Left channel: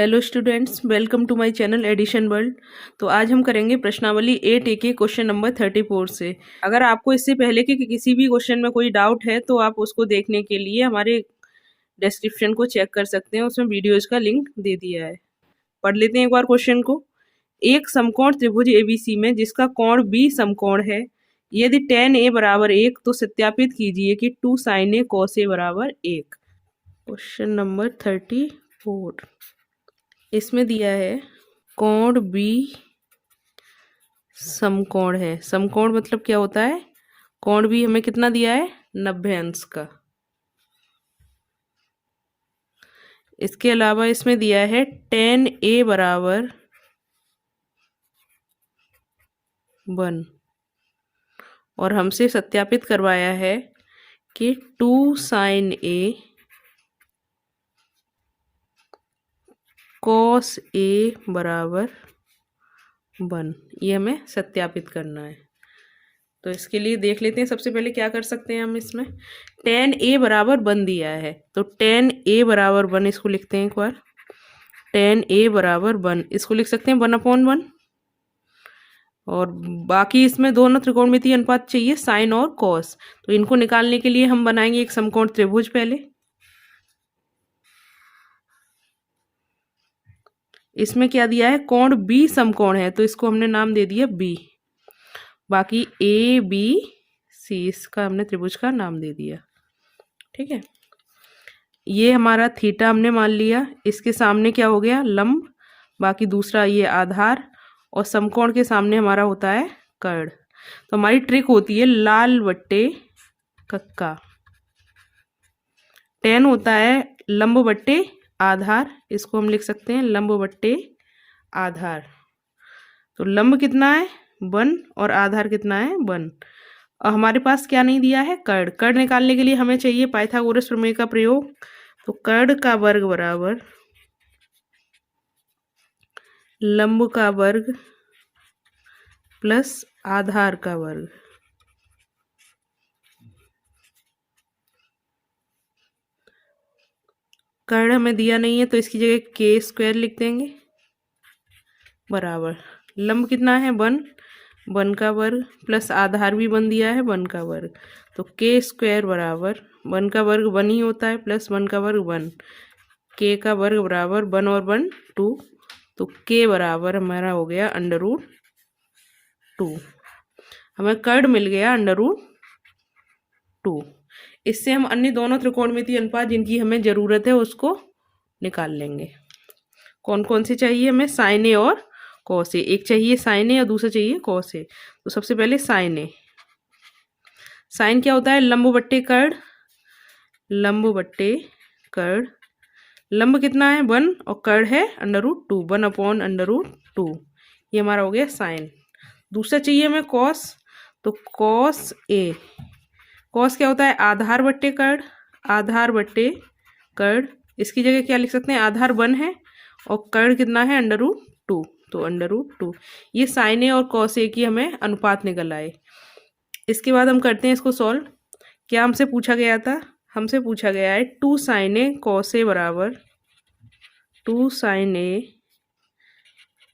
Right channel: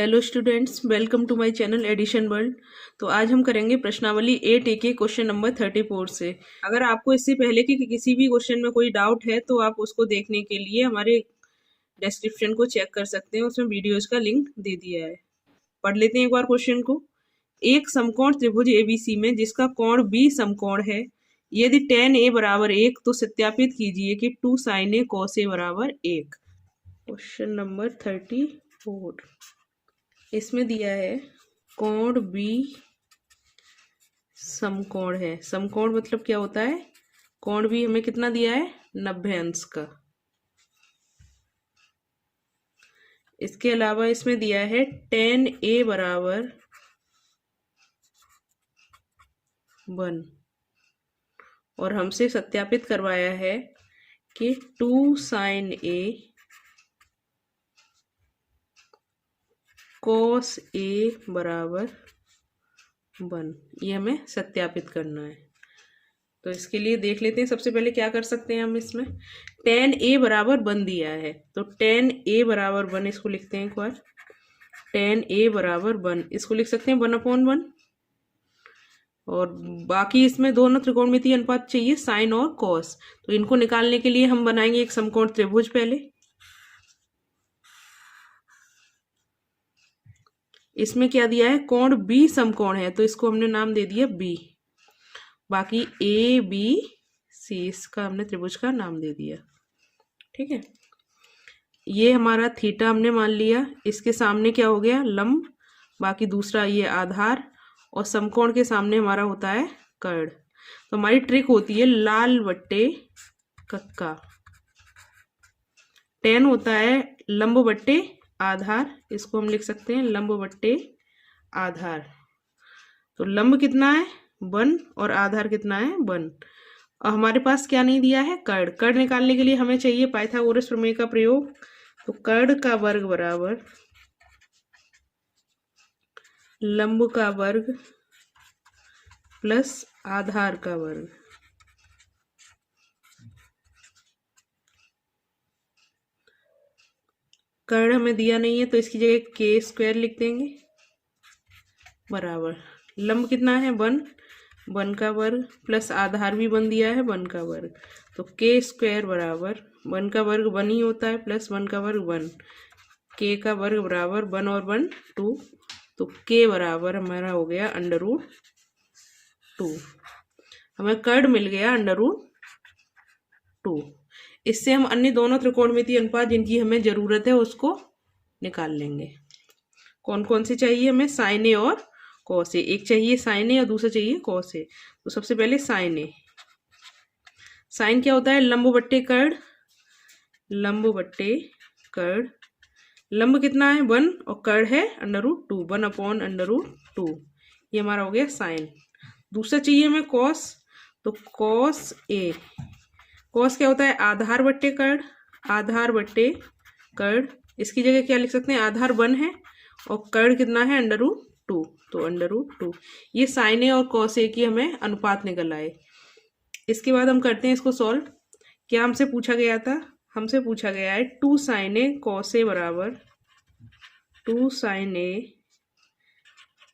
Hello students, welcome to my channel Addition World. तो आज हम करेंगे प्रश्नावली 8A के क्वेश्चन नंबर 34 से। अगर आपको इससे पहले के किसी भी क्वेश्चन में कोई डाउट है तो आप उसको देखने के लिए हमारे डिस्क्रिप्शन को चेक कर सकते हैं, उसमें वीडियोज का लिंक दे दिया है। पढ़ लेते हैं एक बार क्वेश्चन को। एक समकोण त्रिभुज एबीसी में जिसका कोण बी समकोण है, यदि tan a बराबर 1 तो सत्यापित कीजिए कि 2 sin a cos a बराबर 1। क्वेश्चन नंबर 34 इसमें दिया है कोण बी समकोण है। समकोण मतलब क्या होता है? कोण बी हमें कितना दिया है? 90 अंश का। इसके अलावा इसमें दिया है tan a बराबर 1 और हमसे सत्यापित करवाया है कि 2 sin a cos a बराबर 1। ये हमें सत्यापित करना है। तो इसके लिए देख लेते हैं सबसे पहले क्या कर सकते हैं हम। इसमें tan a बराबर 1 दिया है तो tan a बराबर 1 इसको लिखते हैं एक बार। tan a बराबर 1 इसको लिख सकते हैं 1/1। और बाकी इसमें दोनों त्रिकोणमितीय अनुपात चाहिए, साइन और कॉस। तो इनको निकालने के लिए हम बनाएंगे एक समकोण त्रिभुज। पहले इसमें क्या दिया है? कोण बी समकोण है तो इसको हमने नाम दे दिया बी। बाकी ए बी सी इसका हमने त्रिभुज का नाम दे दिया। ठीक है, ये हमारा थीटा हमने मान लिया। इसके सामने क्या हो गया? लंब। बाकी दूसरा ये आधार और समकोण के सामने हमारा होता है कर्ण। तो हमारी ट्रिक होती है लाल बट्टे कक्का। tan होता है लंब बट्टे आधार, इसको हम लिख सकते हैं लंब बट्टे आधार। तो लंब कितना है? 1 और आधार कितना है? 1। और हमारे पास क्या नहीं दिया है? कर्ण। कर्ण निकालने के लिए हमें चाहिए पाइथागोरस प्रमेय का प्रयोग। तो कर्ण का वर्ग बराबर लंब का वर्ग प्लस आधार का वर्ग। कर्ण हमें दिया नहीं है तो इसकी जगह k² लिख देंगे बराबर लंब कितना है? 1 का वर्ग प्लस आधार भी 1 दिया है 1 का वर्ग। तो k² बराबर 1 का वर्ग 1 ही होता है प्लस 1 का वर्ग 1। k का वर्ग बराबर 1 और 1 2। तो k बराबर हमारा हो गया √2। हमें कर्ण मिल गया √2। इससे हम अन्य दोनों त्रिकोणमितीय अनुपात जिनकी हमें जरूरत है उसको निकाल लेंगे। कौन कौन से चाहिए हमें? साइन ए और कॉस ए। एक चाहिए साइन ए और दूसरा चाहिए कॉस ए। तो सबसे पहले साइन ए। साइन क्या होता है? लंब बट्टे कर्ण। लंब बट्टे कर्ण। लंब कितना है? 1 और कर्ण है √2, 1/√2। ये हमारा हो गया साइन। दूसरा चाहिए हमें कॉस। तो कॉस ए। कॉस क्या होता है? आधार बट्टे कर्ण। आधार बट्टे कर्ण। इसकी जगह क्या लिख सकते हैं? आधार 1 है और कर्ण कितना है? √2। तो √2। ये साइन ए और कॉस ए की हमें अनुपात निकल आए। इसके बाद हम करते हैं इसको सॉल्व। क्या हमसे पूछा गया था? हमसे पूछा गया है 2 sin a cos a बराबर 2 sin a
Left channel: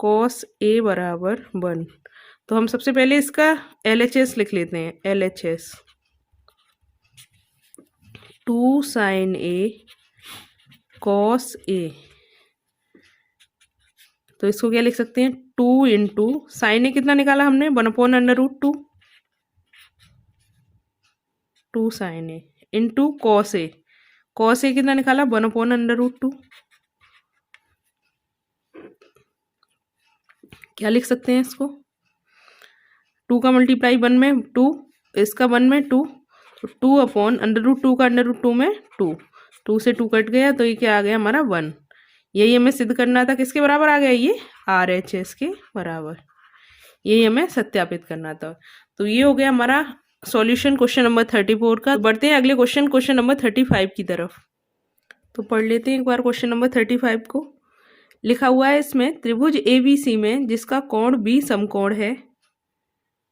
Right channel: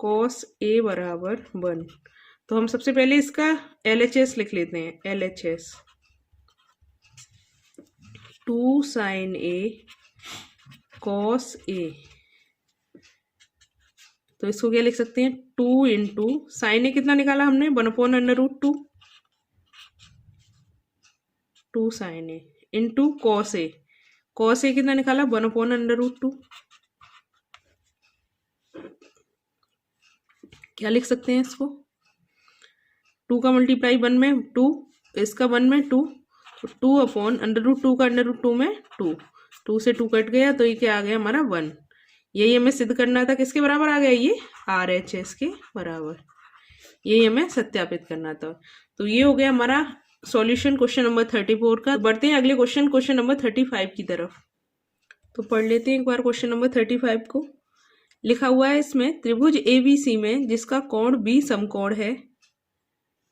cos a बराबर 1। तो हम सबसे पहले इसका LHS लिख लेते हैं। LHS 2 sin a cos a। तो इसको क्या लिख सकते हैं? 2 इंटू साइन ए कितना निकाला हमने? 1/√2। 2 sin a into cos A. Cos A कितना निकाला? 1/√2। क्या लिख सकते हैं इसको? 2 का मल्टीप्लाई 1 में 2, इसका 1 में 2। तो 2/√2 का √2 में 2। 2 से 2 कट गया तो ये क्या आ गया हमारा? 1। यही हमें सिद्ध करना था। किसके बराबर आ गया? ये RHS के बराबर। यही हमें सत्यापित करना था। तो ये हो गया हमारा सॉल्यूशन क्वेश्चन नंबर 34 का। बढ़ते हैं अगले क्वेश्चन नंबर 35 की तरफ। तो पढ़ लेते हैं एक बार क्वेश्चन नंबर 35 को। लिखा हुआ है इसमें त्रिभुज ABC में जिसका कोण B समकोण है,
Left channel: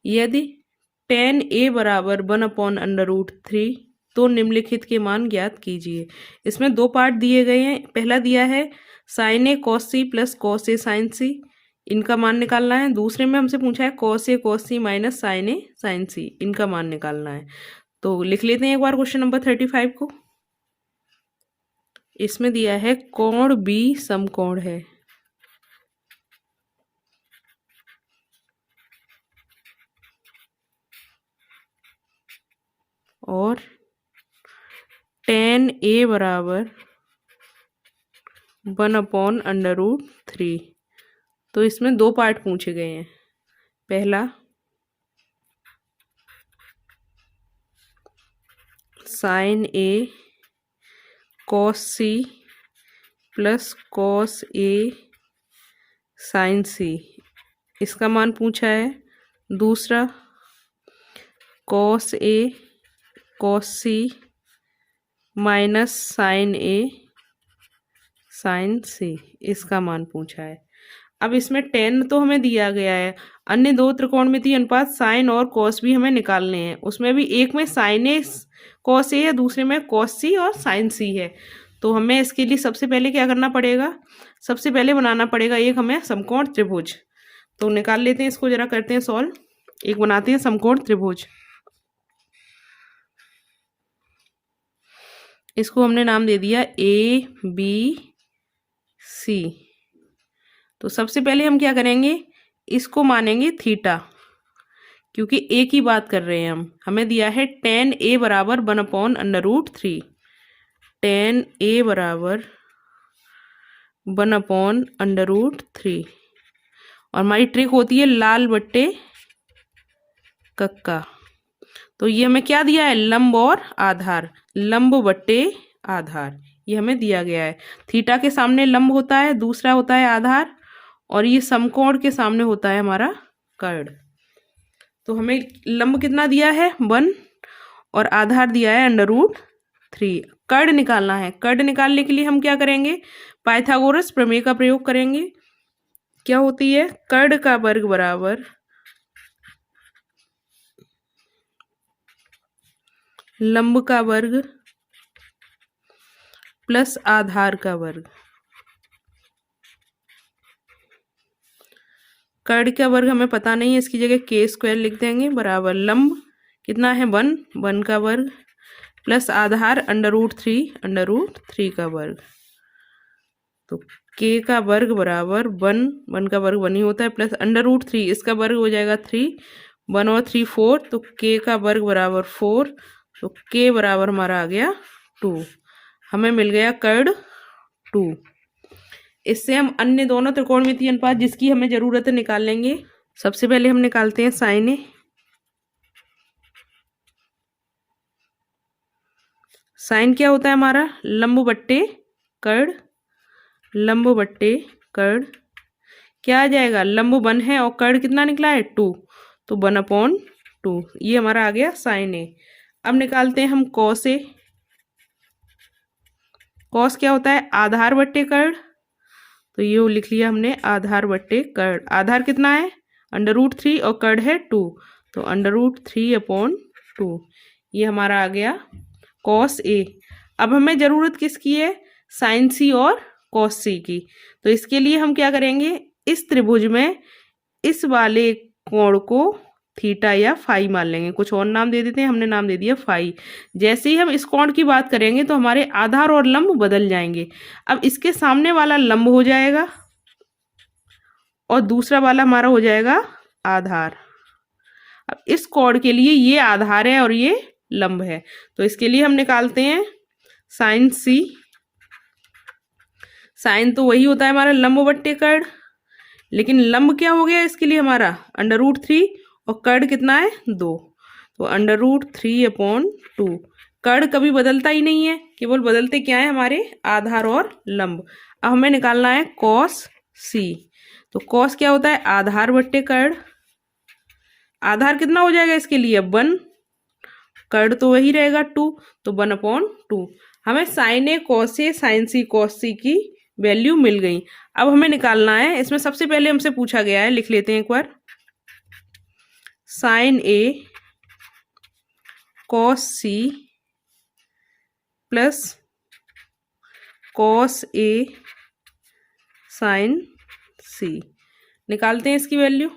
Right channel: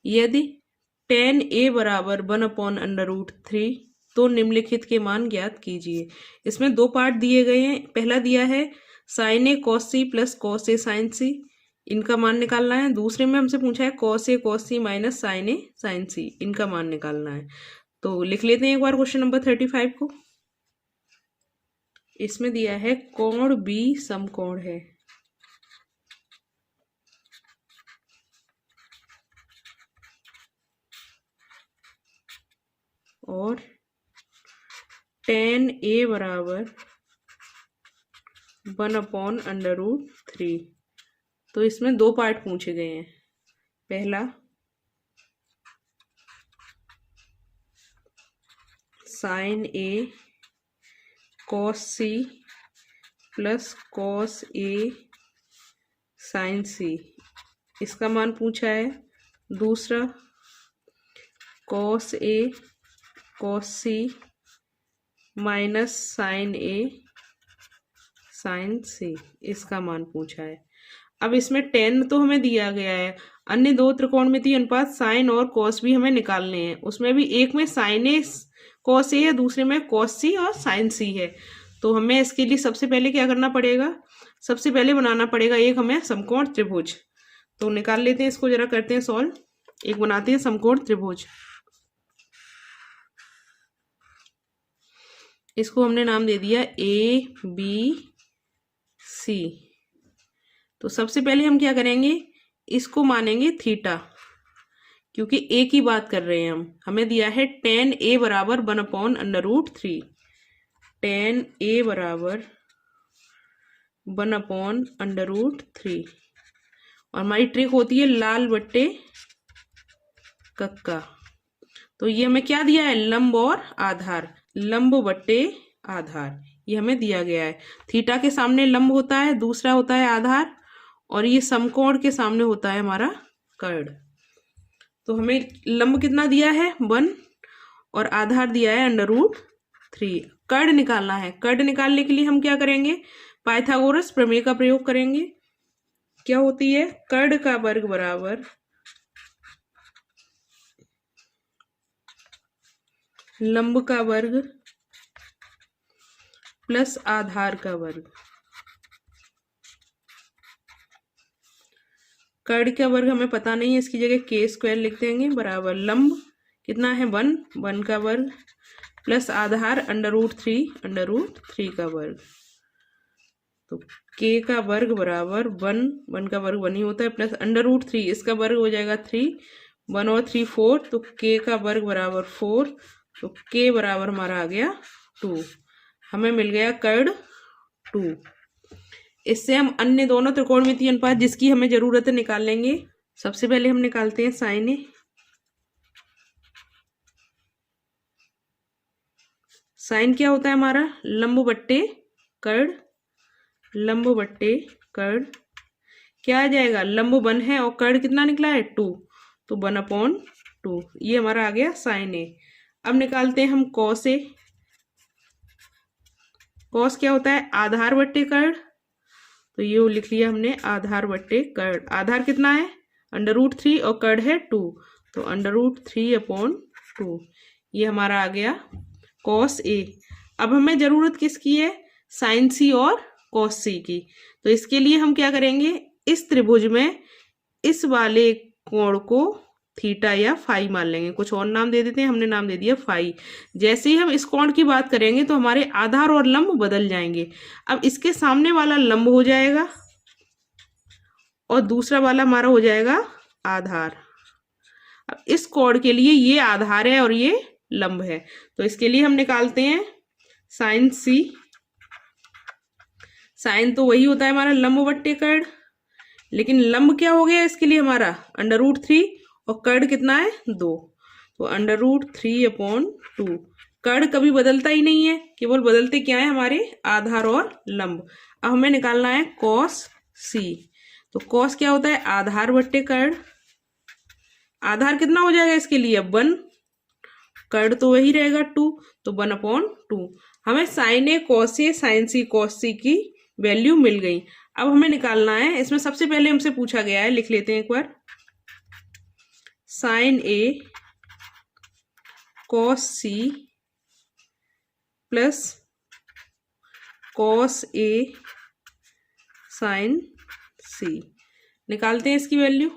यदि tan a बराबर 1/√3 तो निम्नलिखित के मान ज्ञात कीजिए। इसमें दो पार्ट दिए गए हैं। पहला दिया है sign A cos C plus cos A sign सी, इनका मान निकालना है। दूसरे में हमसे पूछा है cos A cos C minus sign A sign सी, इनका मान निकालना है। तो लिख लेते हैं एक बार क्वेश्चन नंबर 35 को। इसमें दिया है कोण बी समकोण है और tan ए बराबर 1/√3। तो इसमें दो पार्ट पूछे गए हैं। पहला sign A cos C plus cos A sign सी, इसका मान पूछा है। दूसरा cos A cos C minus sign A sign सी, इसका मान पूछा है। अब इसमें tan तो हमें दिया गया है, अन्य दो त्रिकोणमितीय अनुपात साइन और कॉस भी हमें निकालने हैं। उसमें भी एक में साइन ए कॉस ए है, दूसरे में कॉस सी और साइन सी है। तो हमें इसके लिए सबसे पहले क्या करना पड़ेगा, सबसे पहले बनाना पड़ेगा एक हमें समकोण त्रिभुज। तो निकाल लेते हैं इसको, जरा करते हैं सॉल्व। एक बनाते हैं समकोण त्रिभुज। इसको हमने नाम दे दिया ए बी सी। तो सबसे पहले हम क्या करेंगे, इसको मानेंगे थीटा, क्योंकि ए की बात कर रहे हैं हम। हमें दिया है tan ए बराबर 1/√3। tan ए बराबर 1/√3 और हमारी ट्रिक होती है लाल बट्टे कक्का। तो ये हमें क्या दिया है, लंब और आधार, लंब बट्टे आधार, ये हमें दिया गया है। थीटा के सामने लंब होता है, दूसरा होता है आधार, और ये समकोण के सामने होता है हमारा कर्ण। तो हमें लंब कितना दिया है 1 और आधार दिया है √3। कर्ण निकालना है। कर्ण निकालने के लिए हम क्या करेंगे, पाइथागोरस प्रमेय का प्रयोग करेंगे। क्या होती है, कर्ण का वर्ग बराबर लंब का वर्ग प्लस आधार का वर्ग। कर्ण का वर्ग हमें पता नहीं है, इसकी जगह k² लिख देंगे, बराबर लंब कितना है 1 का वर्ग प्लस आधार √3 का वर्ग। तो k का वर्ग बराबर 1 का वर्ग 1 ही होता है, प्लस √3, इसका वर्ग हो जाएगा 3, 1 और 3 4, तो k का वर्ग बराबर 4। तो k बराबर हमारा आ गया 2। हमें मिल गया कर्ण 2। इससे हम अन्य दोनों त्रिकोणमितीय अनुपात जिसकी हमें जरूरत है निकाल लेंगे। सबसे पहले हम निकालते हैं साइन ए। साइन क्या होता है हमारा, लंब बट्टे कर्ण, लंब बट्टे कर्ण। क्या आ जाएगा, लंब 1 है और कर्ण कितना निकला है 2, तो 1/2, ये हमारा आ गया साइन ए। अब निकालते हैं हम कॉस ए। कॉस क्या होता है, आधार बट्टे कर्ण, तो ये लिख लिया हमने आधार बट्टे कर्ण। आधार कितना है √3 और कर्ण है 2, तो √3/2, ये हमारा आ गया कॉस ए। अब हमें जरूरत किसकी है, साइन सी और कॉस सी की। तो इसके लिए हम क्या करेंगे, इस त्रिभुज में इस वाले कोण को थीटा या फाई मान लेंगे। कुछ और नाम दे देते हैं, हमने नाम दे दिया फाई। जैसे ही हम इस कोण की बात करेंगे तो हमारे आधार और लंब बदल जाएंगे। अब इसके सामने वाला लंब हो जाएगा और दूसरा वाला हमारा हो जाएगा आधार। अब इस कोण के लिए ये आधार है और ये लंब है, तो इसके लिए हम निकालते हैं साइन सी। साइन तो वही होता है हमारा लंब बट्टे कर्ण, लेकिन लंब क्या हो गया इसके लिए हमारा √3 और कर्ण कितना है 2, तो √3/2। कर्ण कभी बदलता ही नहीं है, केवल बदलते क्या है हमारे आधार और लंब। अब हमें निकालना है कॉस सी। तो कॉस क्या होता है, आधार बट्टे कर्ण। आधार कितना हो जाएगा इसके लिए 1, कर्ण तो वही रहेगा 2, तो 1/2। हमें साइन ए कॉस ए साइन सी कॉस सी की वैल्यू मिल गई। अब हमें निकालना है, इसमें सबसे पहले हमसे पूछा गया है, लिख लेते हैं एक बार, sign A cos C plus cos A sign सी। निकालते हैं इसकी वैल्यू।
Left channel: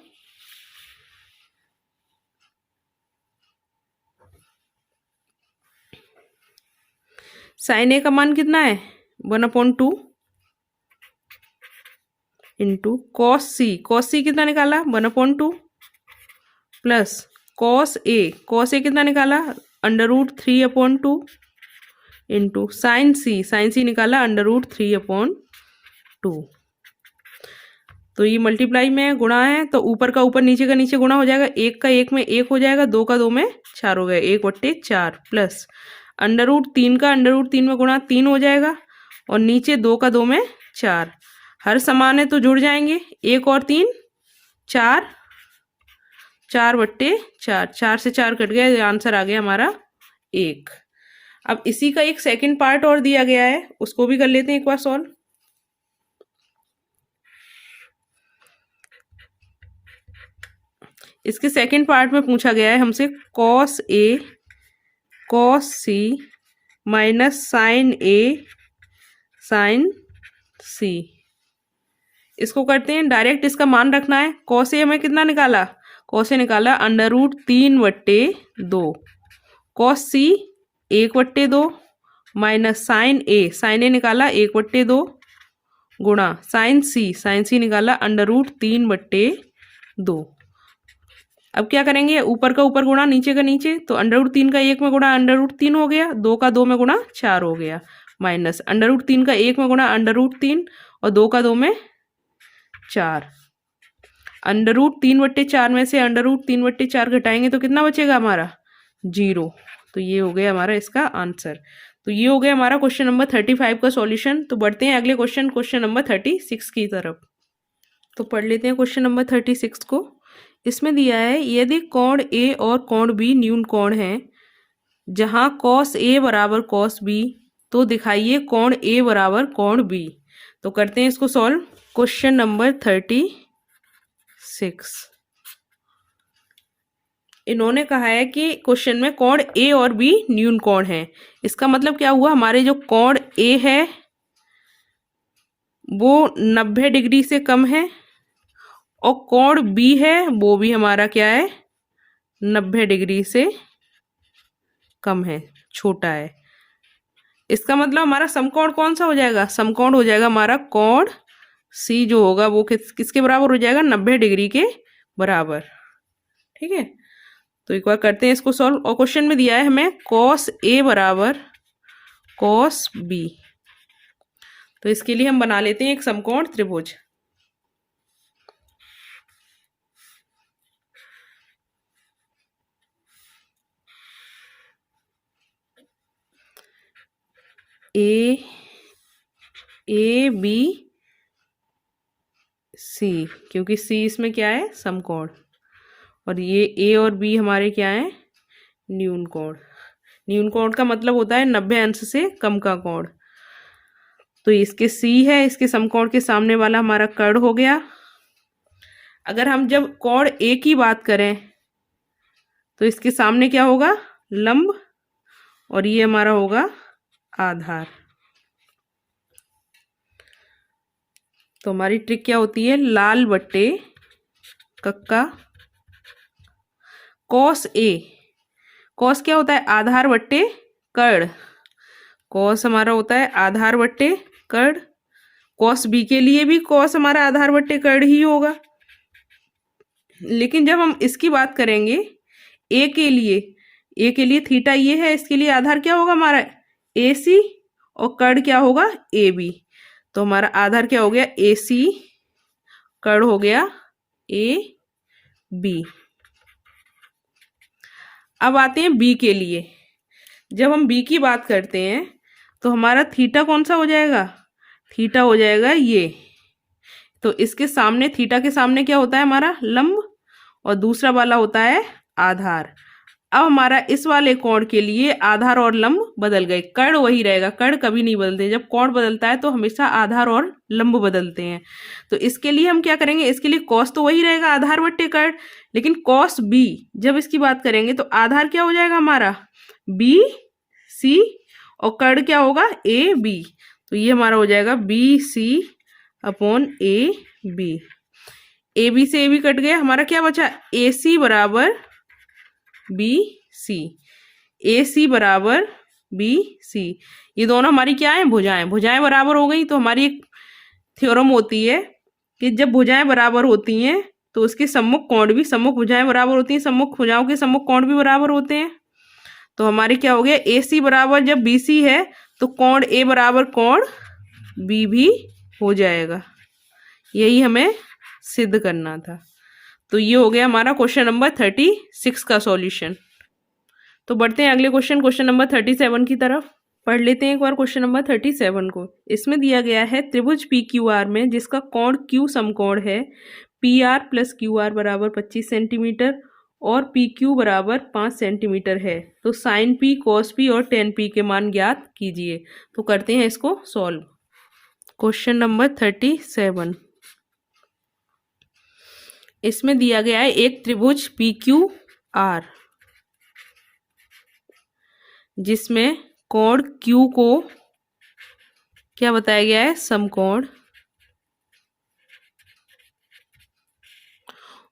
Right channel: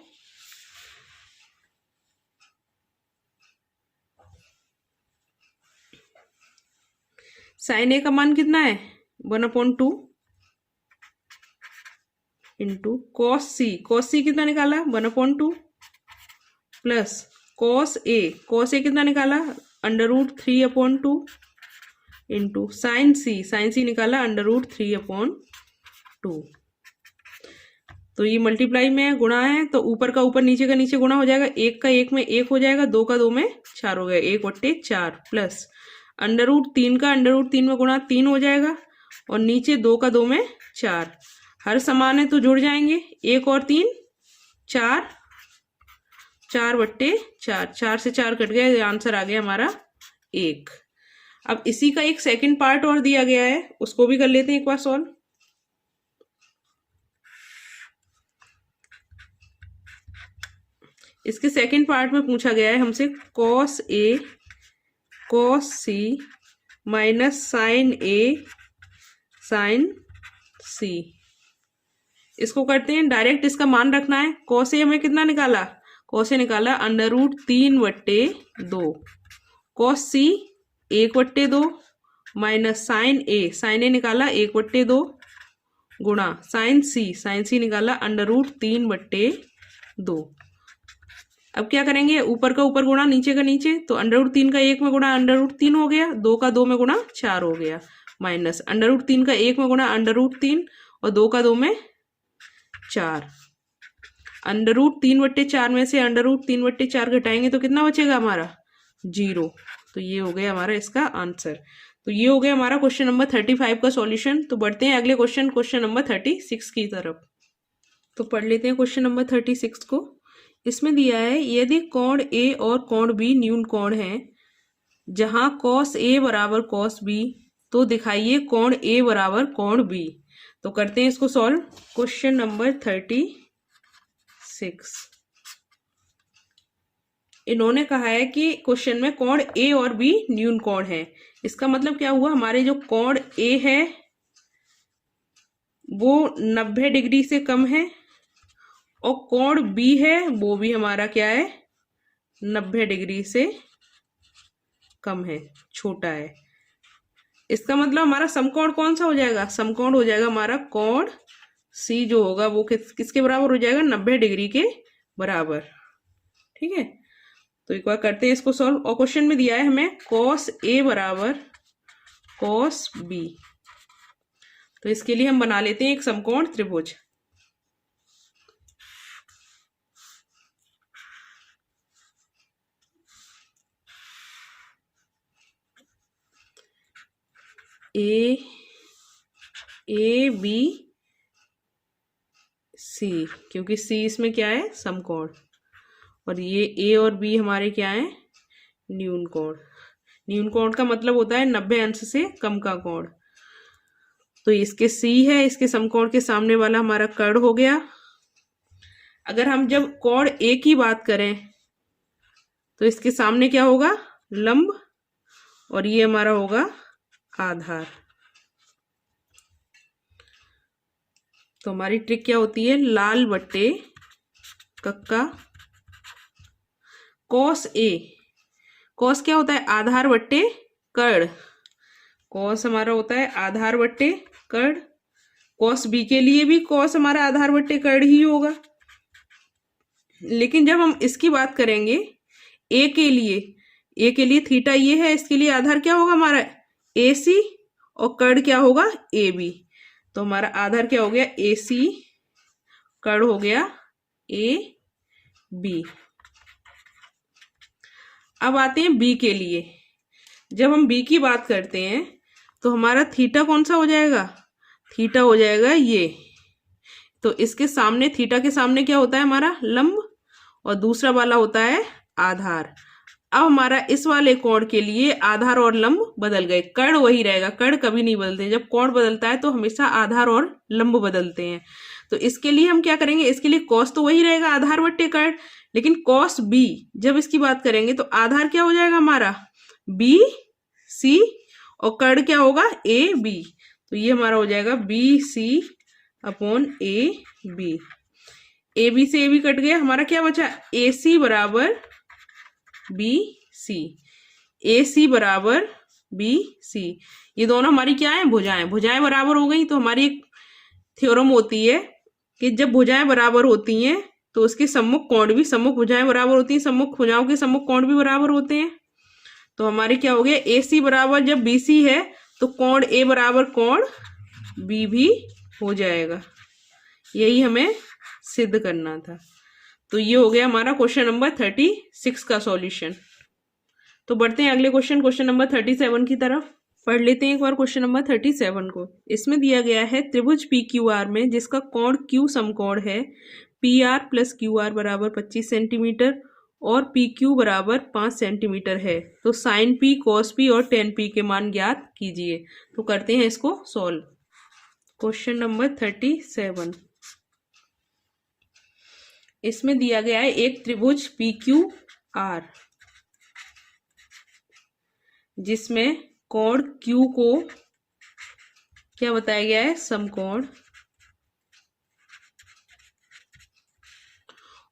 साइन ए का मान कितना है 1/2 इंटू कॉस सी। कॉस सी कितना निकाला 1/2 प्लस कॉस ए कितना निकाला √3/2 इंटू साइन सी निकाला √3/2। तो ये मल्टीप्लाई में गुणा है, तो ऊपर का ऊपर नीचे का नीचे गुणा हो जाएगा। एक का एक में एक हो जाएगा, दो का दो में चार हो गया, 1/4 प्लस √3 का √3 में गुणा 3 हो जाएगा, और नीचे दो का दो में चार। हर समान है तो जुड़ जाएंगे, 1 और 3 4, 4/4, 4 से 4 कट गया, आंसर आ गया हमारा 1। अब इसी का एक सेकंड पार्ट और दिया गया है, उसको भी कर लेते हैं एक बार सॉल्व। इसके सेकंड पार्ट में पूछा गया है हमसे cos A cos C minus sign A sign सी। इसको करते हैं डायरेक्ट, इसका मान रखना है। कॉस ए हमें कितना निकाला, कॉस ए निकाला √3/2, कॉस सी 1/2 माइनस साइन ए निकाला 1/2 गुणा साइन सी निकाला √3/2। अब क्या करेंगे, ऊपर का ऊपर गुणा नीचे का नीचे, तो √3 का 1 में गुणा √3 हो गया, 2 का 2 में गुणा 4 हो गया, माइनस √3 का 1 में गुणा √3 और 2 का 2 में 4। √3/4 में से √3/4 घटाएंगे तो कितना बचेगा हमारा 0। तो ये हो गया हमारा इसका आंसर। तो ये हो गया हमारा क्वेश्चन नंबर 35 का सॉल्यूशन। तो बढ़ते हैं अगले क्वेश्चन नंबर 36 की तरफ। तो पढ़ लेते हैं क्वेश्चन नंबर 36 को। इसमें दिया है यदि कोण ए और कोण बी न्यून कोण है, जहां कॉस ए बराबर कॉस बी, तो दिखाइए कोण ए बराबर कोण बी। तो करते हैं इसको सॉल्व। क्वेश्चन नंबर 36, इन्होंने कहा है कि क्वेश्चन में कोण ए और बी न्यून कोण है। इसका मतलब क्या हुआ, हमारे जो कोण ए है वो 90 डिग्री से कम है, और कोण बी है वो भी हमारा क्या है 90 डिग्री से कम है, छोटा है। इसका मतलब हमारा समकोण कौन सा हो जाएगा, समकोण हो जाएगा हमारा कोण सी जो होगा वो किसके बराबर हो जाएगा 90 डिग्री के बराबर। ठीक है, तो एक बार करते हैं इसको सॉल्व। और क्वेश्चन में दिया है हमें कॉस ए बराबर कॉस बी। तो इसके लिए हम बना लेते हैं एक समकोण त्रिभुज। ए बी सी, क्योंकि सी इसमें क्या है समकोण, और ये ए और बी हमारे क्या है न्यून कोण। न्यून कोण का मतलब होता है 90 अंश से कम का कोण। तो इसके सी है, इसके समकोण के सामने वाला हमारा कर्ण हो गया। अगर हम जब कोण ए की बात करें तो इसके सामने क्या होगा लंब, और ये हमारा होगा आधार। तो हमारी ट्रिक क्या होती है, लाल बट्टे कक्का कॉस ए। कॉस क्या होता है आधार बट्टे कर्ण, कॉस हमारा होता है आधार बट्टे कर्ण। कॉस बी के लिए भी कॉस हमारा आधार बट्टे कर्ण ही होगा। लेकिन जब हम इसकी बात करेंगे ए के लिए थीटा ये है, इसके लिए आधार क्या होगा हमारा ए सी, और कर्ण क्या होगा ए बी। तो हमारा आधार क्या हो गया ए सी, कर्ण हो गया ए बी। अब आते हैं बी के लिए। जब हम बी की बात करते हैं तो हमारा थीटा कौन सा हो जाएगा, थीटा हो जाएगा ये। तो इसके सामने थीटा के सामने क्या होता है हमारा लंब, और दूसरा वाला होता है आधार। अब हमारा इस वाले कोण के लिए आधार और लंब बदल गए, कर्ण वही रहेगा, कर्ण कभी नहीं बदलते। जब कोण बदलता है तो हमेशा आधार और लंब बदलते हैं। तो इसके लिए हम क्या करेंगे, इसके लिए कॉस तो वही रहेगा आधार बट्टे कर्ण, लेकिन कॉस बी जब इसकी बात करेंगे तो आधार क्या हो जाएगा हमारा बी सी, और कर्ण क्या होगा ए बी। तो ये हमारा हो जाएगा B C upon AB। AB से AB कट गया, हमारा क्या बचा, AC बराबर BC। AC बराबर BC, ये दोनों हमारी क्या है, भुजाएं। भुजाएं बराबर हो गई तो हमारी एक थ्योरम होती है कि जब भुजाएं बराबर होती हैं तो उसके सम्मुख कोण भी, सम्मुख भुजाएं बराबर होती हैं, सम्मुख भुजाओं के सम्मुख कोण भी बराबर होते हैं। तो हमारी क्या हो गया, AC बराबर जब BC है तो कोण A बराबर कोण B भी हो जाएगा। यही हमें सिद्ध करना था। तो ये हो गया हमारा क्वेश्चन नंबर 36 का सॉल्यूशन। तो बढ़ते हैं अगले क्वेश्चन, क्वेश्चन नंबर 37 की तरफ। पढ़ लेते हैं एक बार क्वेश्चन नंबर 37 को। इसमें दिया गया है त्रिभुज PQR में जिसका कोण Q समकोण है, PR प्लस QR बराबर 25 सेंटीमीटर और PQ बराबर 5 सेंटीमीटर है, तो साइन P, कॉस P और टेन P के मान ज्ञात कीजिए। तो करते हैं इसको सॉल्व। क्वेश्चन नंबर 37, इसमें दिया गया है एक त्रिभुज PQR जिसमें कोण Q को क्या बताया गया है, समकोण,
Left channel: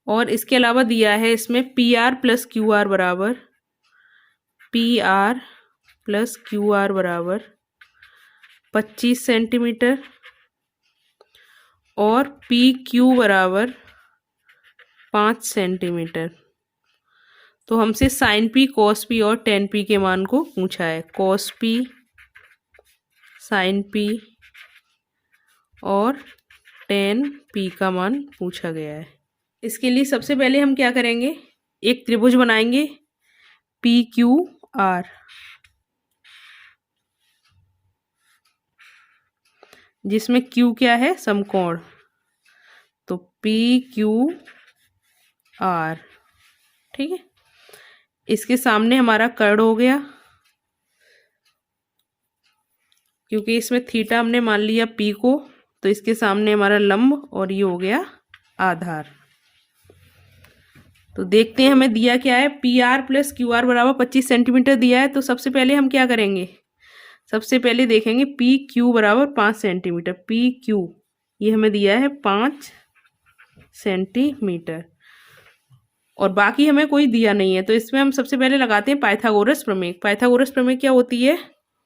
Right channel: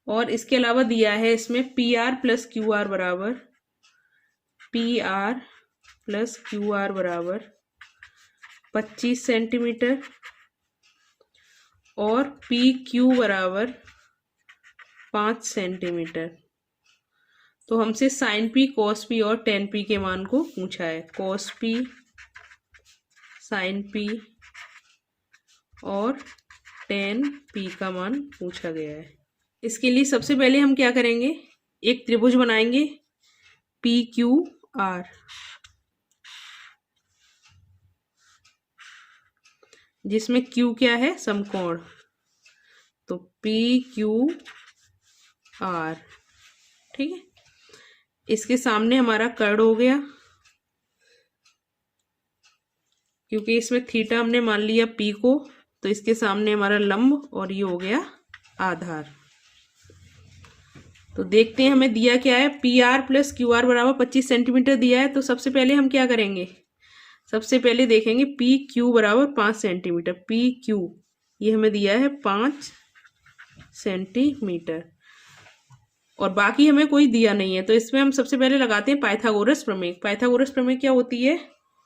और इसके अलावा दिया है इसमें PR प्लस QR बराबर, PR प्लस QR बराबर 25 सेंटीमीटर और PQ बराबर 5 सेंटीमीटर। तो हमसे साइन P, कॉस P और टेन P के मान को पूछा है। कॉस P, साइन P और टेन P का मान पूछा गया है। इसके लिए सबसे पहले हम क्या करेंगे, एक त्रिभुज बनाएंगे PQR, जिसमें Q क्या है, समकोण। तो PQR, ठीक है। इसके सामने हमारा कर्ण हो गया, क्योंकि इसमें थीटा हमने मान लिया P को, तो इसके सामने हमारा लंब और ये हो गया आधार। तो देखते हैं हमें दिया क्या है, PR प्लस QR बराबर 25 सेंटीमीटर दिया है। तो सबसे पहले हम क्या करेंगे, सबसे पहले देखेंगे PQ बराबर 5 सेंटीमीटर। PQ ये हमें दिया है 5 सेंटीमीटर और बाकी हमें कोई दिया नहीं है, तो इसमें हम सबसे पहले लगाते हैं पाइथागोरस प्रमेय। पाइथागोरस प्रमेय क्या होती है,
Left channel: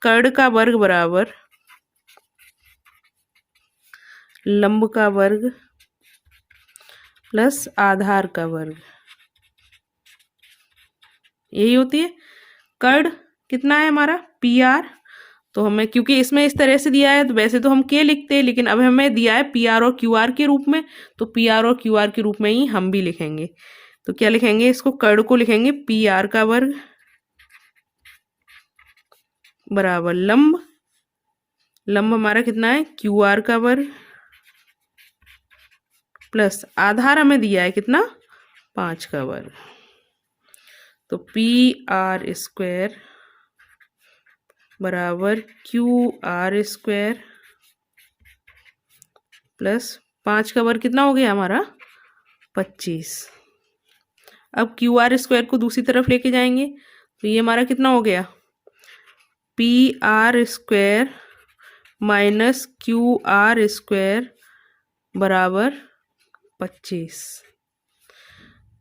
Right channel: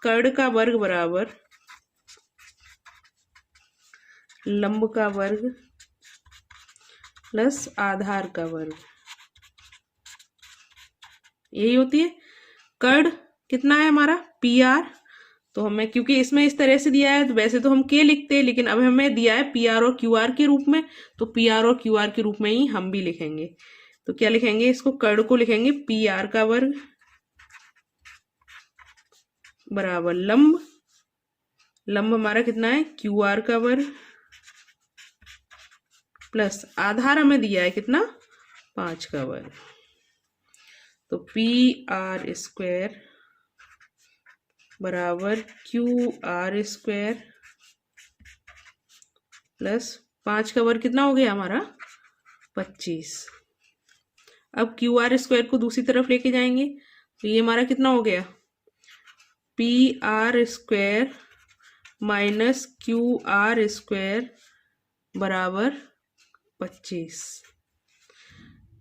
कर्ण का वर्ग बराबर लंब का वर्ग प्लस आधार का वर्ग, यही होती है। कर्ण कितना है हमारा, PR, तो हमें क्योंकि इसमें इस तरह से दिया है तो वैसे तो हम K लिखते हैं, लेकिन अब हमें दिया है PR और QR के रूप में, तो PR और QR के रूप में ही हम भी लिखेंगे। तो क्या लिखेंगे, इसको कर्ण को लिखेंगे PR का वर्ग बराबर लंब, लंब हमारा कितना है QR का वर्ग प्लस आधार हमें दिया है कितना, 5 का वर्ग। तो PR स्क्वायर बराबर QR स्क्वायर प्लस 5 का वर्ग कितना हो गया हमारा, 25। अब QR स्क्वायर को दूसरी तरफ लेके जाएंगे तो ये हमारा कितना हो गया, PR square minus QR square बराबर 25।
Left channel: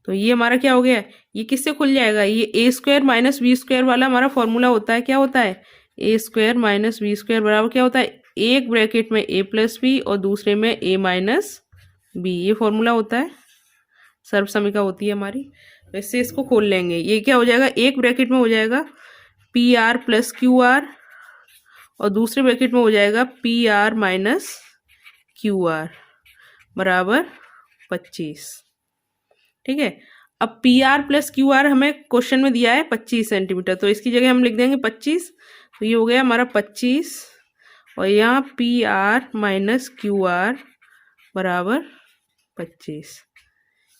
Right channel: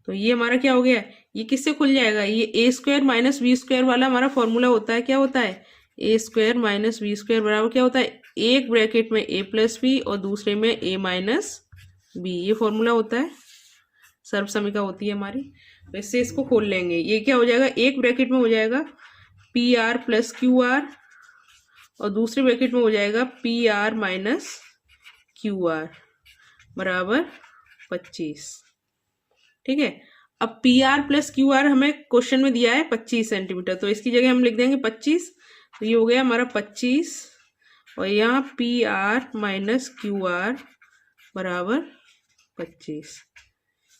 तो ये हमारा क्या हो गया, ये किससे खुल जाएगा, ये A square minus B square वाला हमारा फॉर्मूला होता है। क्या होता है, A square minus B square बराबर क्या होता है, एक ब्रैकेट में A प्लस बी और दूसरे में A माइनस बी, ये फॉर्मूला होता है, सर्वसमिका होती है हमारी। तो इससे इसको खोल लेंगे, ये क्या हो जाएगा, एक ब्रैकेट में हो जाएगा PR प्लस QR और दूसरे ब्रैकेट में हो जाएगा PR माइनस QR बराबर 25, ठीक है। अब PR प्लस QR हमें क्वेश्चन में दिया है 25 सेंटीमीटर, तो इसकी जगह हम लिख देंगे 25। तो ये हो गया हमारा 25 और यहाँ PR माइनस QR बराबर 25।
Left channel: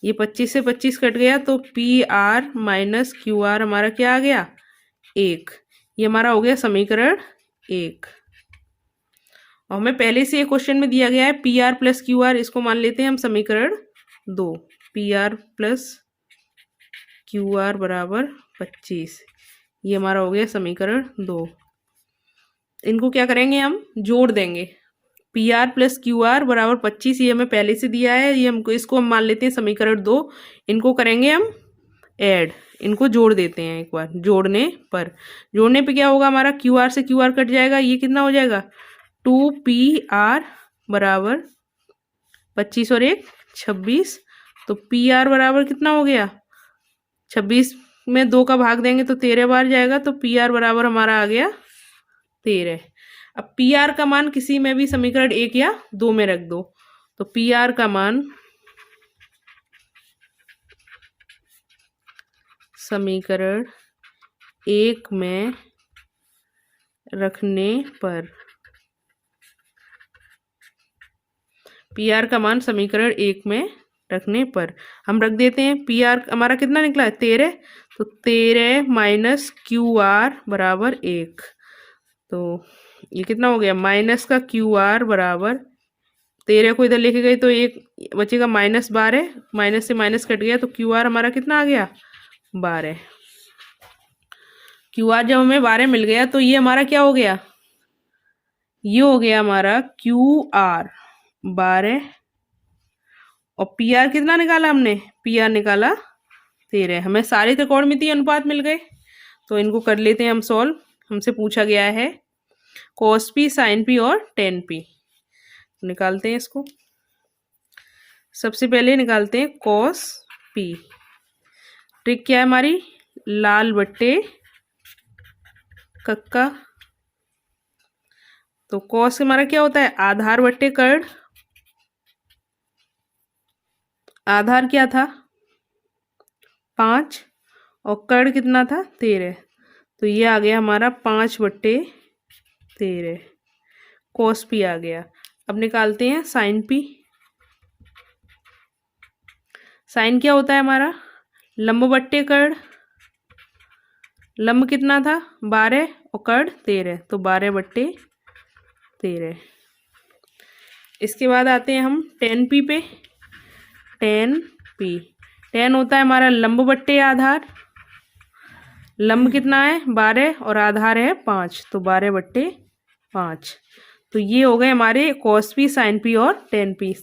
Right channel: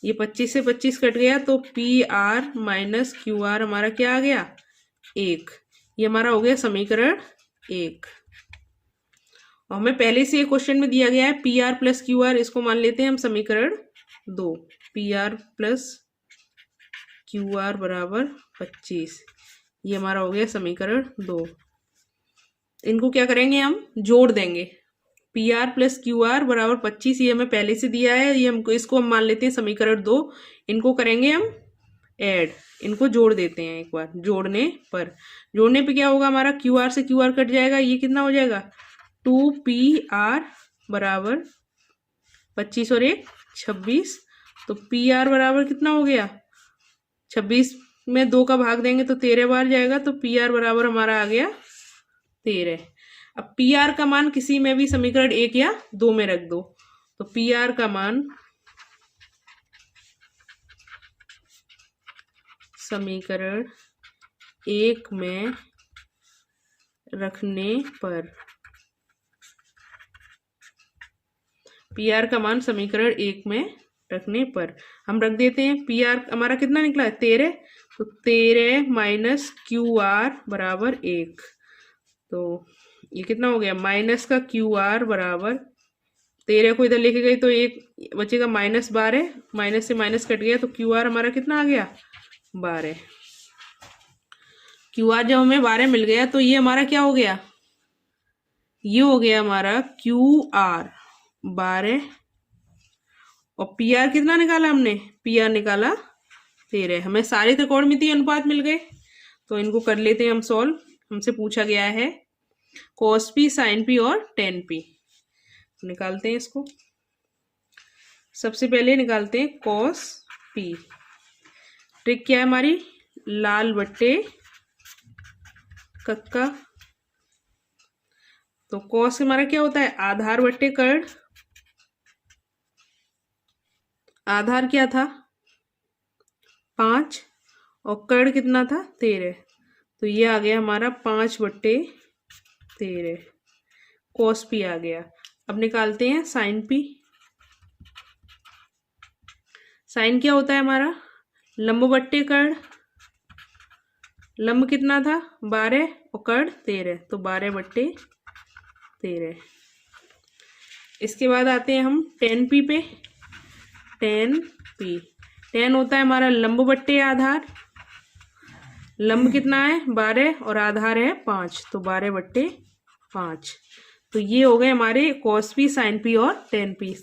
ये 25 से 25 कट गया तो PR माइनस QR हमारा क्या आ गया, 1। ये हमारा हो गया समीकरण 1। और हमें पहले से ये क्वेश्चन में दिया गया है PR प्लस QR, इसको मान लेते हैं हम समीकरण 2। PR प्लस QR बराबर 25, ये हमारा हो गया समीकरण 2। इनको क्या करेंगे, हम जोड़ देंगे। P R plus Q R बराबर 25, ये हमें पहले से दिया है। ये हमको, इसको हम मान लेते हैं समीकरण 2। इनको करेंगे हम ऐड, इनको जोड़ देते हैं एक बार। जोड़ने पे क्या होगा हमारा, क्यू आर से क्यू आर कट जाएगा, ये कितना हो जाएगा 2PR बराबर 25 और 1 26। तो पी आर बराबर कितना हो गया, 26 में 2 का भाग देंगे तो 13 बार जाएगा, तो पी आर बराबर हमारा आ गया 13। अब पी आर का मान किसी में भी समीकरण 1 या 2 में रख दो, तो पी आर का मान समीकरण 1 में रखने पर, पी आर का मान समीकरण 1 में रखने पर हम रख देते हैं। पी आर हमारा कितना निकला है 13, तो 13 माइनस क्यू आर बराबर 1। तो ये कितना हो गया, माइनस का क्यू आर बराबर 13 को इधर लेके गए तो 1 बचेगा -12, माइनस से माइनस कट गया, तो क्यू आर हमारा कितना आ गया 12। क्यू आर जब हमें 12 मिल गया तो ये हमारा क्या हो गया, ये हो गया हमारा क्यू आर 12, और पी आर कितना निकाला हमने, पी आर निकाला 13। हमें सारे त्रिकोणमितीय अनुपात मिल गए, तो इनको कर लेते हैं हम सॉल्व। हमसे पूछा गया है cos p, sin p और tan p। निकालते हैं इसको। सबसे पहले निकालते हैं cos p। ट्रिक क्या है हमारी, लाल बट्टे कक्का। तो cos हमारा क्या होता है, आधार बट्टे कर्ण। आधार क्या था 5 और कर्ण कितना था 13, तो ये आ गया हमारा 5/13 cos p आ गया। अब निकालते हैं sin p। sin क्या होता है हमारा, लंब बट्टे कर्ण। लंब कितना था 12 और कर्ण 13, तो 12/13। इसके बाद आते हैं हम tan p पे। tan p, tan होता है हमारा लंब बट्टे आधार। लंब कितना है 12 और आधार है 5, तो 12/5। तो ये हो गए हमारे cos p, sin p और tan p।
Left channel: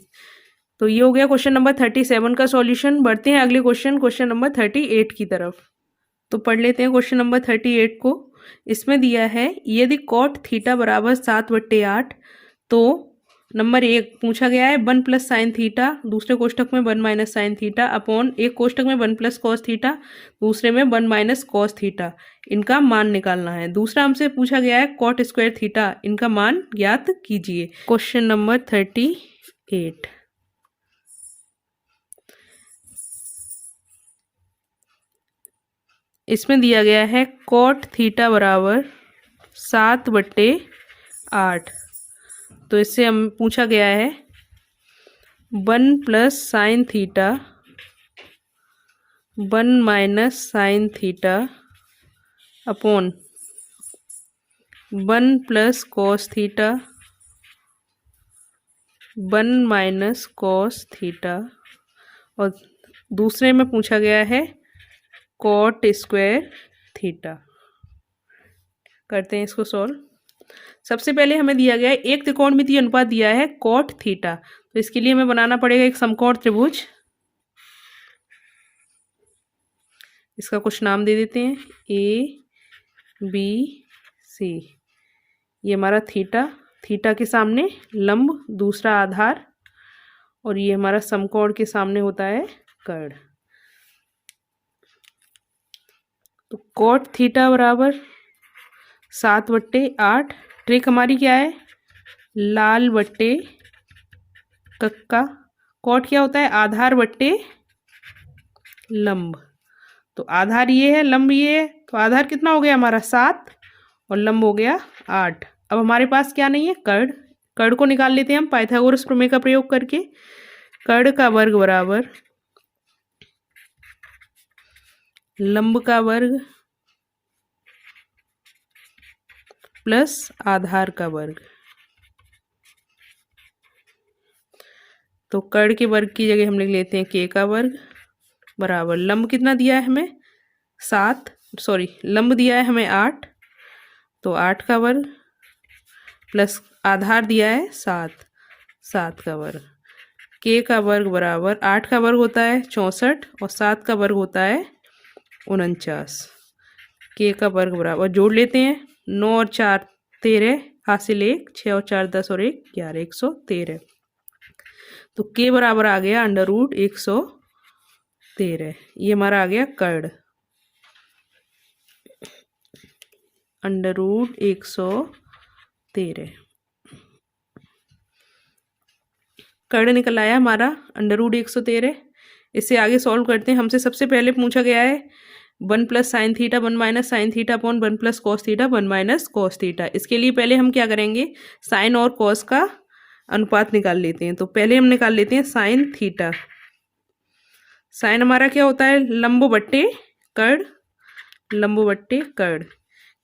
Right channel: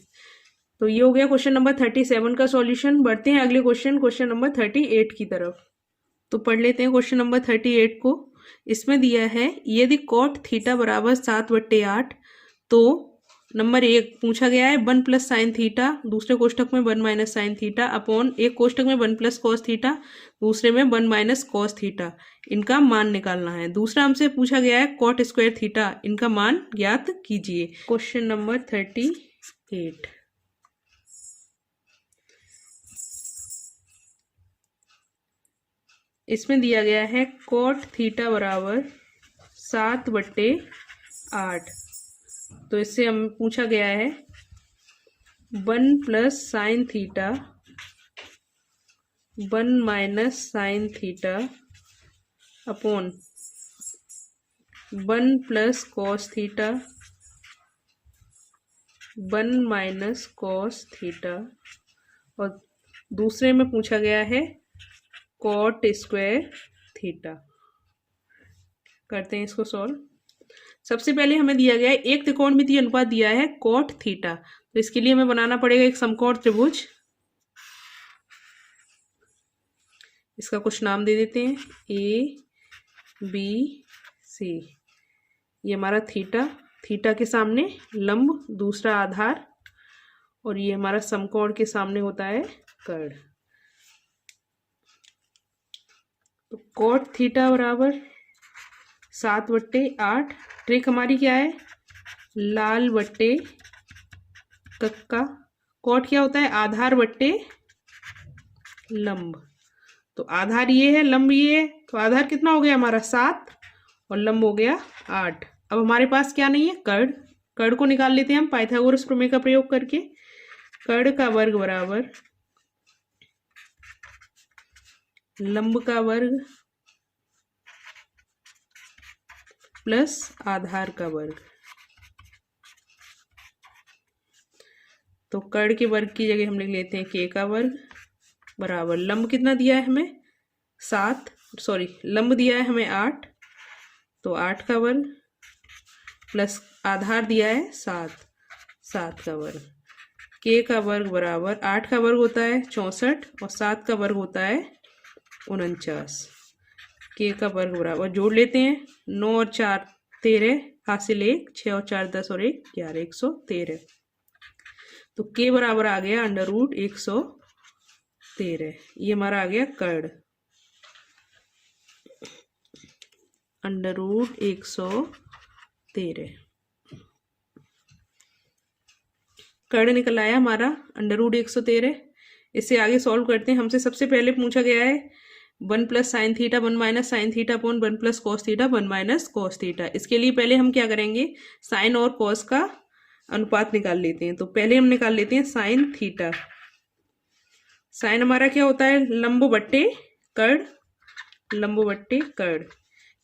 तो ये हो गया क्वेश्चन नंबर 37 का सॉल्यूशन। बढ़ते हैं अगले क्वेश्चन नंबर 38 की तरफ। तो पढ़ लेते हैं क्वेश्चन नंबर 38 को। इसमें दिया है यदि cot थीटा बराबर 7/8, तो नंबर 1 पूछा गया है 1 + sin थीटा, दूसरे कोष्टक में 1 - sin थीटा अपॉन एक कोष्टक में 1 + cos थीटा, दूसरे में 1 - cos थीटा। इनका मान निकालना है। दूसरा हमसे पूछा गया है cot स्क्वायर थीटा, इनका मान ज्ञात कीजिए। Question number 38। इसमें दिया गया है cot थीटा बराबर 7/8। तो इससे हम पूछा गया है 1 + sin theta 1 - sin theta upon 1 + cos theta 1 - cos theta, और दूसरे में पूछा गया है cot स्क्वायर थीटा। करते हैं इसको सॉल्व। सबसे पहले हमें दिया गया है एक त्रिकोणमितीय अनुपात दिया है cot थीटा, तो इसके लिए हमें बनाना पड़ेगा एक समकोण त्रिभुज। इसका कुछ नाम दे देते हैं ABC। ये हमारा थीटा के सामने लंब, दूसरा आधार, और ये हमारा समकोण के सामने होता है कर्ण। तो cot थीटा बराबर 7/8। ट्रिक हमारी क्या है, लाल बट्टे कक्का। cot क्या होता है, आधार बट्टे लंब। तो आधार ये है, लंब ये है, तो आधार कितना हो गया हमारा 7 और लंब हो गया 8। अब हमारे पास क्या नहीं है, कर्ण को निकाल लेते हैं हम पाइथागोरस प्रमेय का प्रयोग करके। कर्ण का वर्ग बराबर लंब का वर्ग प्लस आधार का वर्ग। तो कर्ण के वर्ग की जगह हम लिख लेते हैं k का वर्ग बराबर लंब कितना दिया है हमें 7, लंब दिया है हमें 8, तो 8 का वर्ग प्लस आधार दिया है 7, 7 का वर्ग। के का वर्ग बराबर 8 का वर्ग होता है 64 और 7 का वर्ग होता है 49। के का वर्ग बराबर जोड़ लेते हैं, 9 और 4 13, हासिल 1, 6 और 4 10 और 1 11, 113। तो के बराबर आ गया अंडर रूट 113। ये हमारा आ गया कर्ण, अंडर रूट 113 कर्ण निकल आया हमारा अंडर रूट 113। इससे आगे सॉल्व करते हैं। हमसे सबसे पहले पूछा गया है 1 plus sine theta 1 minus sine theta upon 1 plus cos theta 1 minus cos theta. इसके लिए पहले हम क्या करेंगे, साइन और कॉस का अनुपात निकाल लेते हैं। तो पहले हम निकाल लेते हैं साइन थीटा। साइन हमारा क्या होता है, लंब बट्टे कर्ण, लंब बट्टे कर्ण।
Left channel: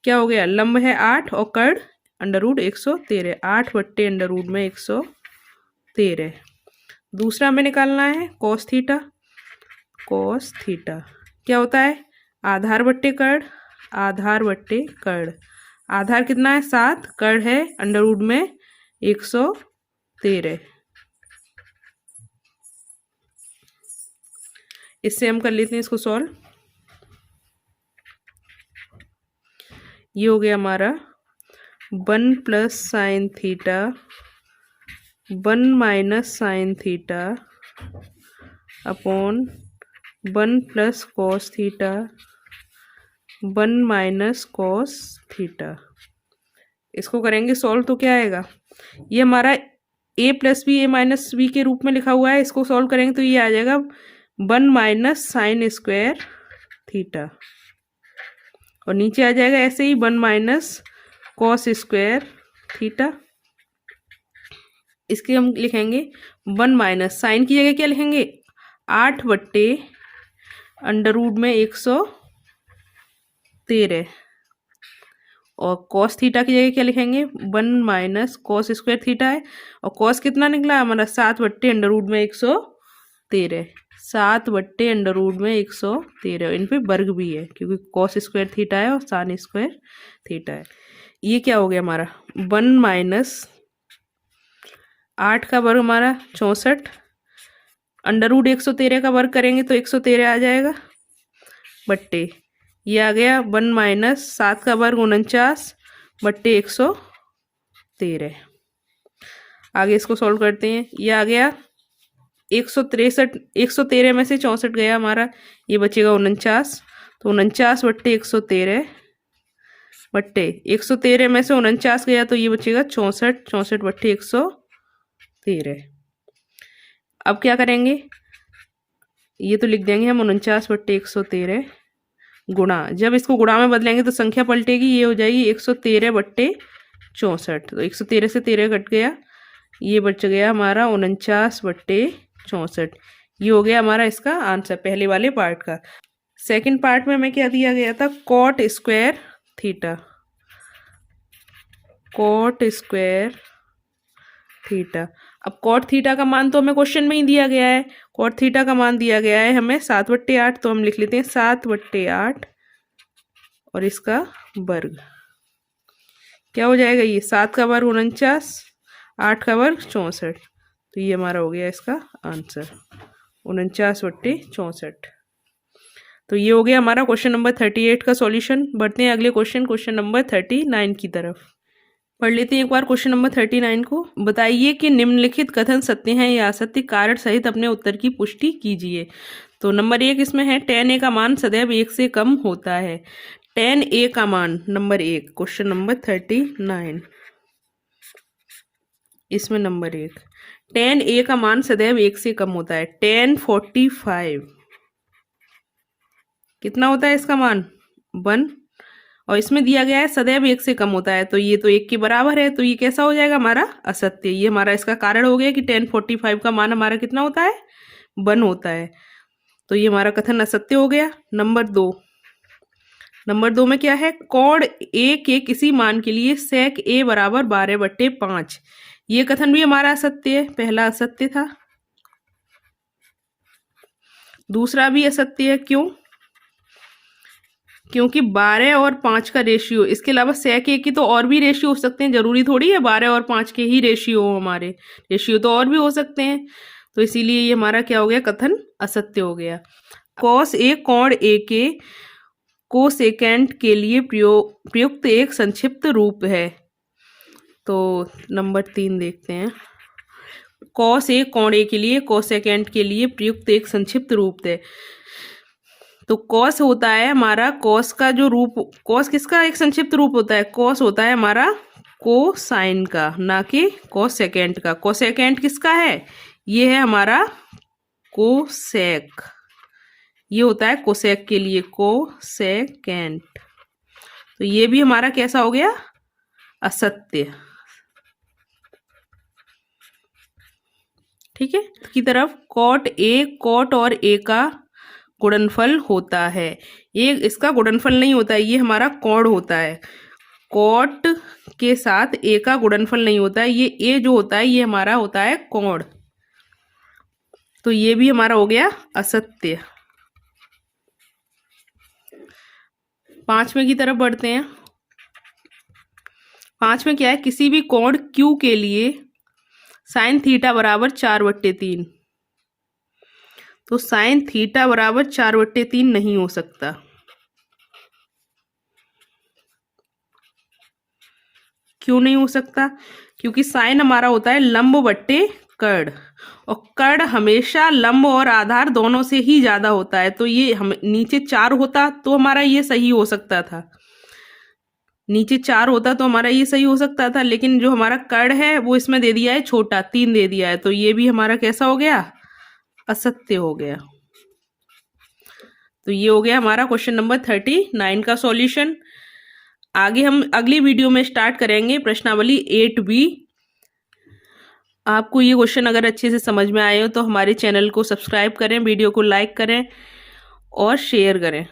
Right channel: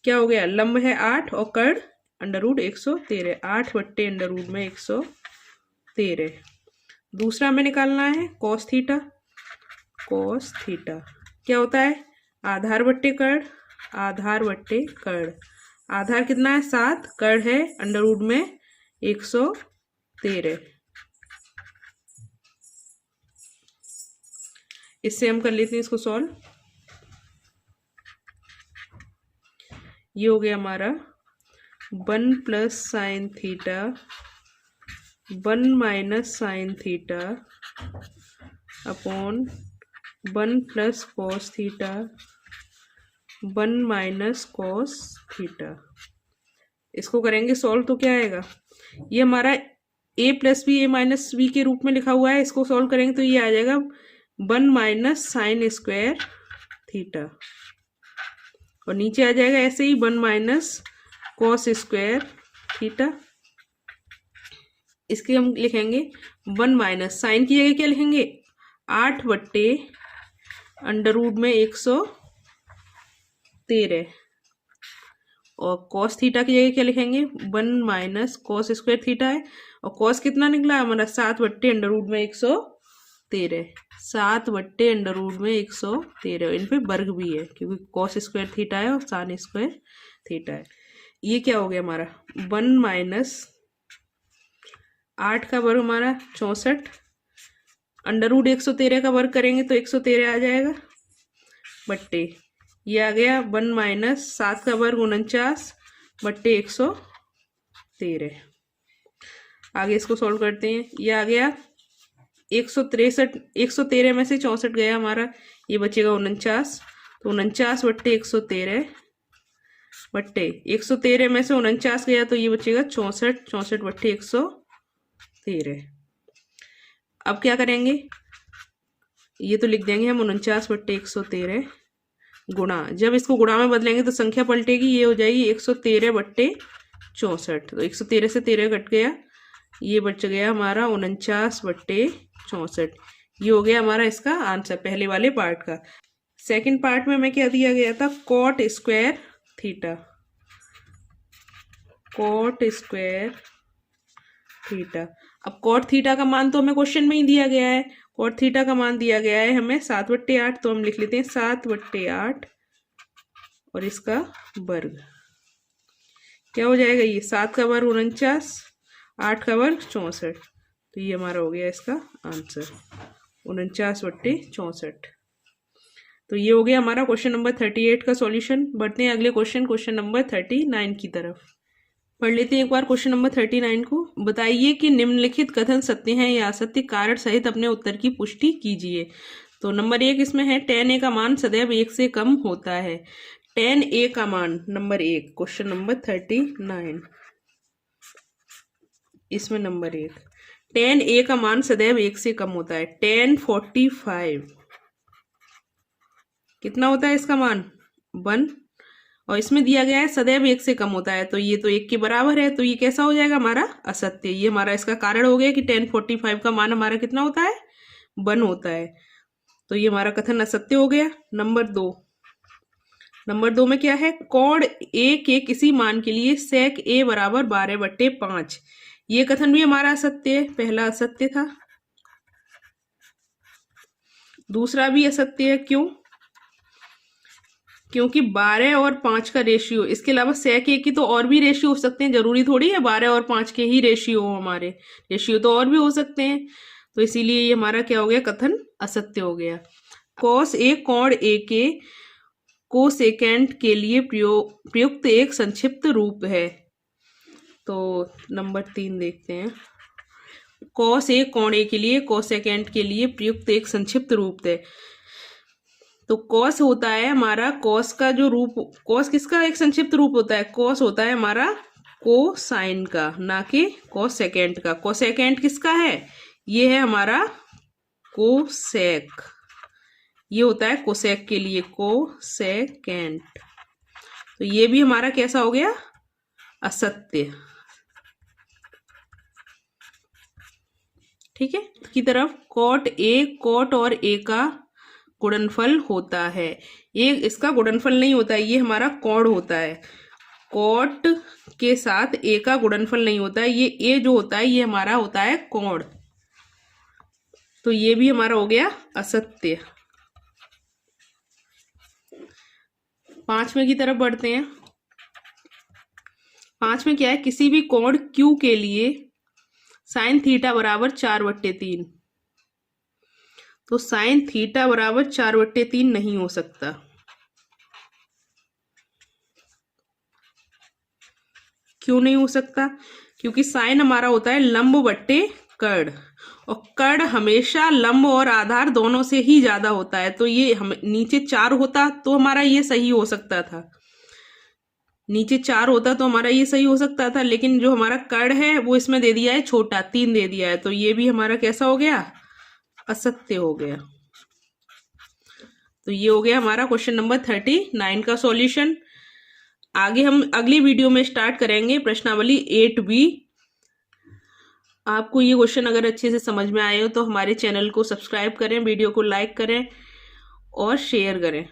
क्या हो गया, लंब है 8 और कर्ण अंडर रूट 113, 8 बट्टे अंडर रूट में 113। दूसरा हमें निकालना है कॉस थीटा। कॉस थीटा क्या होता है, आधार बट्टे कर्ण, आधार बट्टे कर्ण। आधार कितना है 7, कर्ण है अंडर रूट में 113। इससे हम कर लेते हैं इसको सॉल्व। ये हो गया हमारा 1 plus sine theta 1 minus sine theta upon 1 plus cos theta 1 minus cos theta. इसको करेंगे सॉल्व तो क्या आएगा, ये हमारा a plus B A minus B के रूप में लिखा हुआ है। इसको सॉल्व करेंगे तो ये आ जाएगा 1 माइनस साइन स्क्वायर थीटा, और नीचे आ जाएगा ऐसे ही 1 माइनस कॉस स्क्वायर थीटा। इसके हम लिखेंगे 1 माइनस साइन की जगह क्या लिखेंगे, 8 बट्टे अंडर रूट में 113, और कॉस थीटा की जगह क्या लिखेंगे 1 माइनस कॉस स्क्वायर थीटा है, और कॉस कितना निकला हमारा 7 बट्टे अंडर रूट में 113, 7 बट्टे अंडर रूट में 113। इन पे वर्ग भी है क्योंकि कॉस स्क्वायर थीटा है और साइन स्क्वायर थीटा है। ये क्या हो गया हमारा 1 माइनस 8 का वर्ग हमारा 64, अंडर रूट 113 का वर्ग करेंगे तो 113 आ जाएगा, बट्टे ये आ गया 1 माइनस 7 का वर्ग 49 बट्टे 113। आगे इसको सॉल्व करते हैं। ये आ गया 163, 113 में से 64 गया हमारा, ये बचेगा 49, तो 49 बट्टे 113 बट्टे 113 में से 49 गया तो ये बचेगा 64, 64 बट्टे 113। अब क्या करेंगे, ये तो लिख देंगे हम 49 बट्टे 113 गुणा, जब इसको गुणा में बदलेंगे तो संख्या पलटेगी, ये हो जाएगी 113 बट्टे 64। तो 113 से 13 कट गया, ये बच गया हमारा 49 बट्टे 64। ये हो गया हमारा इसका आंसर पहले वाले पार्ट का। सेकंड पार्ट में हमें क्या दिया गया था, cot square theta, cot square theta. अब कॉट थीटा का मान तो हमें क्वेश्चन में ही दिया गया है, कॉट थीटा का मान दिया गया है हमें 7 बट्टे 8, तो हम लिख लेते हैं 7 बट्टे 8 और इसका वर्ग। क्या हो जाएगा, ये 7 का वर्ग 49, 8 का वर्ग 64, तो ये हमारा हो गया इसका आंसर 49 बट्टे 64। तो ये हो गया हमारा क्वेश्चन नंबर 38 का सॉल्यूशन। बढ़ते हैं अगले क्वेश्चन, क्वेश्चन नंबर 39 की तरफ। पढ़ लेते हैं एक बार क्वेश्चन नंबर 39 को। बताइए कि निम्नलिखित कथन सत्य हैं या असत्य, कारण सहित अपने उत्तर की पुष्टि कीजिए। तो नंबर 1 इसमें है tan a का मान सदैव 1 से कम होता है। tan a का मान नंबर 1, क्वेश्चन नंबर 39 इसमें नंबर 1, tan a का मान सदैव 1 से कम होता है। tan 45 कितना होता है इसका मान 1, और इसमें दिया गया है सदैव 1 से कम होता है, तो ये तो 1 के बराबर है, तो ये कैसा हो जाएगा हमारा असत्य। ये हमारा इसका कारण हो गया कि tan 45 का मान हमारा कितना होता है 1 होता है, तो ये हमारा कथन असत्य हो गया। नंबर 2, नंबर 2 में क्या है, कॉड a के किसी मान के लिए sec a बराबर 12 बट्टे 5, ये कथन भी हमारा असत्य है, पहला असत्य था, दूसरा भी असत्य है। क्यों, क्योंकि 12 और 5 का रेशियो, इसके अलावा sec a की तो और भी रेशियो हो सकते हैं, जरूरी थोड़ी है 12 और 5 के ही रेशियो हो, हमारे रेशियो तो और भी हो सकते हैं। तो इसीलिए ये हमारा क्या हो गया, कथन असत्य हो गया। cos a कोण a के कोसेकेंट के लिए प्रयुक्त एक संक्षिप्त रूप है। तो नंबर 3 देखते हैं। cos a कोण a के लिए कोसेकेंट के लिए प्रयुक्त एक संक्षिप्त रूप है। तो cos होता है हमारा, cos का जो रूप, cos किसका एक संक्षिप्त रूप होता है, cos होता है हमारा कोसाइन का, ना कि कोसेकेंट का। कोसेकेंट किसका है, ये है हमारा कोसेक, ये होता है कोसेक के लिए, कोसेकेंट। तो ये भी हमारा कैसा हो गया, असत्य। ठीक है, की तरफ कॉट और ए का गुणनफल होता है। ये इसका गुणनफल नहीं होता है, ये हमारा कोण होता है। कॉट के साथ ए का गुणनफल नहीं होता है, ये ए जो होता है ये हमारा होता है कोण। तो ये भी हमारा हो गया असत्य। 5वें की तरफ बढ़ते हैं। 5वें क्या है, किसी भी कोण Q के लिए साइन थीटा बराबर 4/3। तो साइन थीटा बराबर 4/3 नहीं हो सकता। क्यों नहीं हो सकता, क्योंकि साइन हमारा होता है लंब बट्टे कर्ण, और कर्ण हमेशा लंब और आधार दोनों से ही ज्यादा होता है। तो ये हम नीचे 4 होता तो हमारा ये सही हो सकता था, नीचे 4 होता तो हमारा ये सही हो सकता था, लेकिन जो हमारा कर्ण है वो इसमें दे दिया है छोटा, 3 दे दिया है। तो ये भी हमारा कैसा हो गया, असत्य हो गया। तो ये हो गया हमारा क्वेश्चन नंबर 39 का सॉल्यूशन। आगे हम अगली वीडियो में स्टार्ट करेंगे प्रश्नावली 8B। आपको ये क्वेश्चन अगर अच्छे से समझ में आए हो तो हमारे चैनल को सब्सक्राइब करें, वीडियो को लाइक करें और शेयर करें।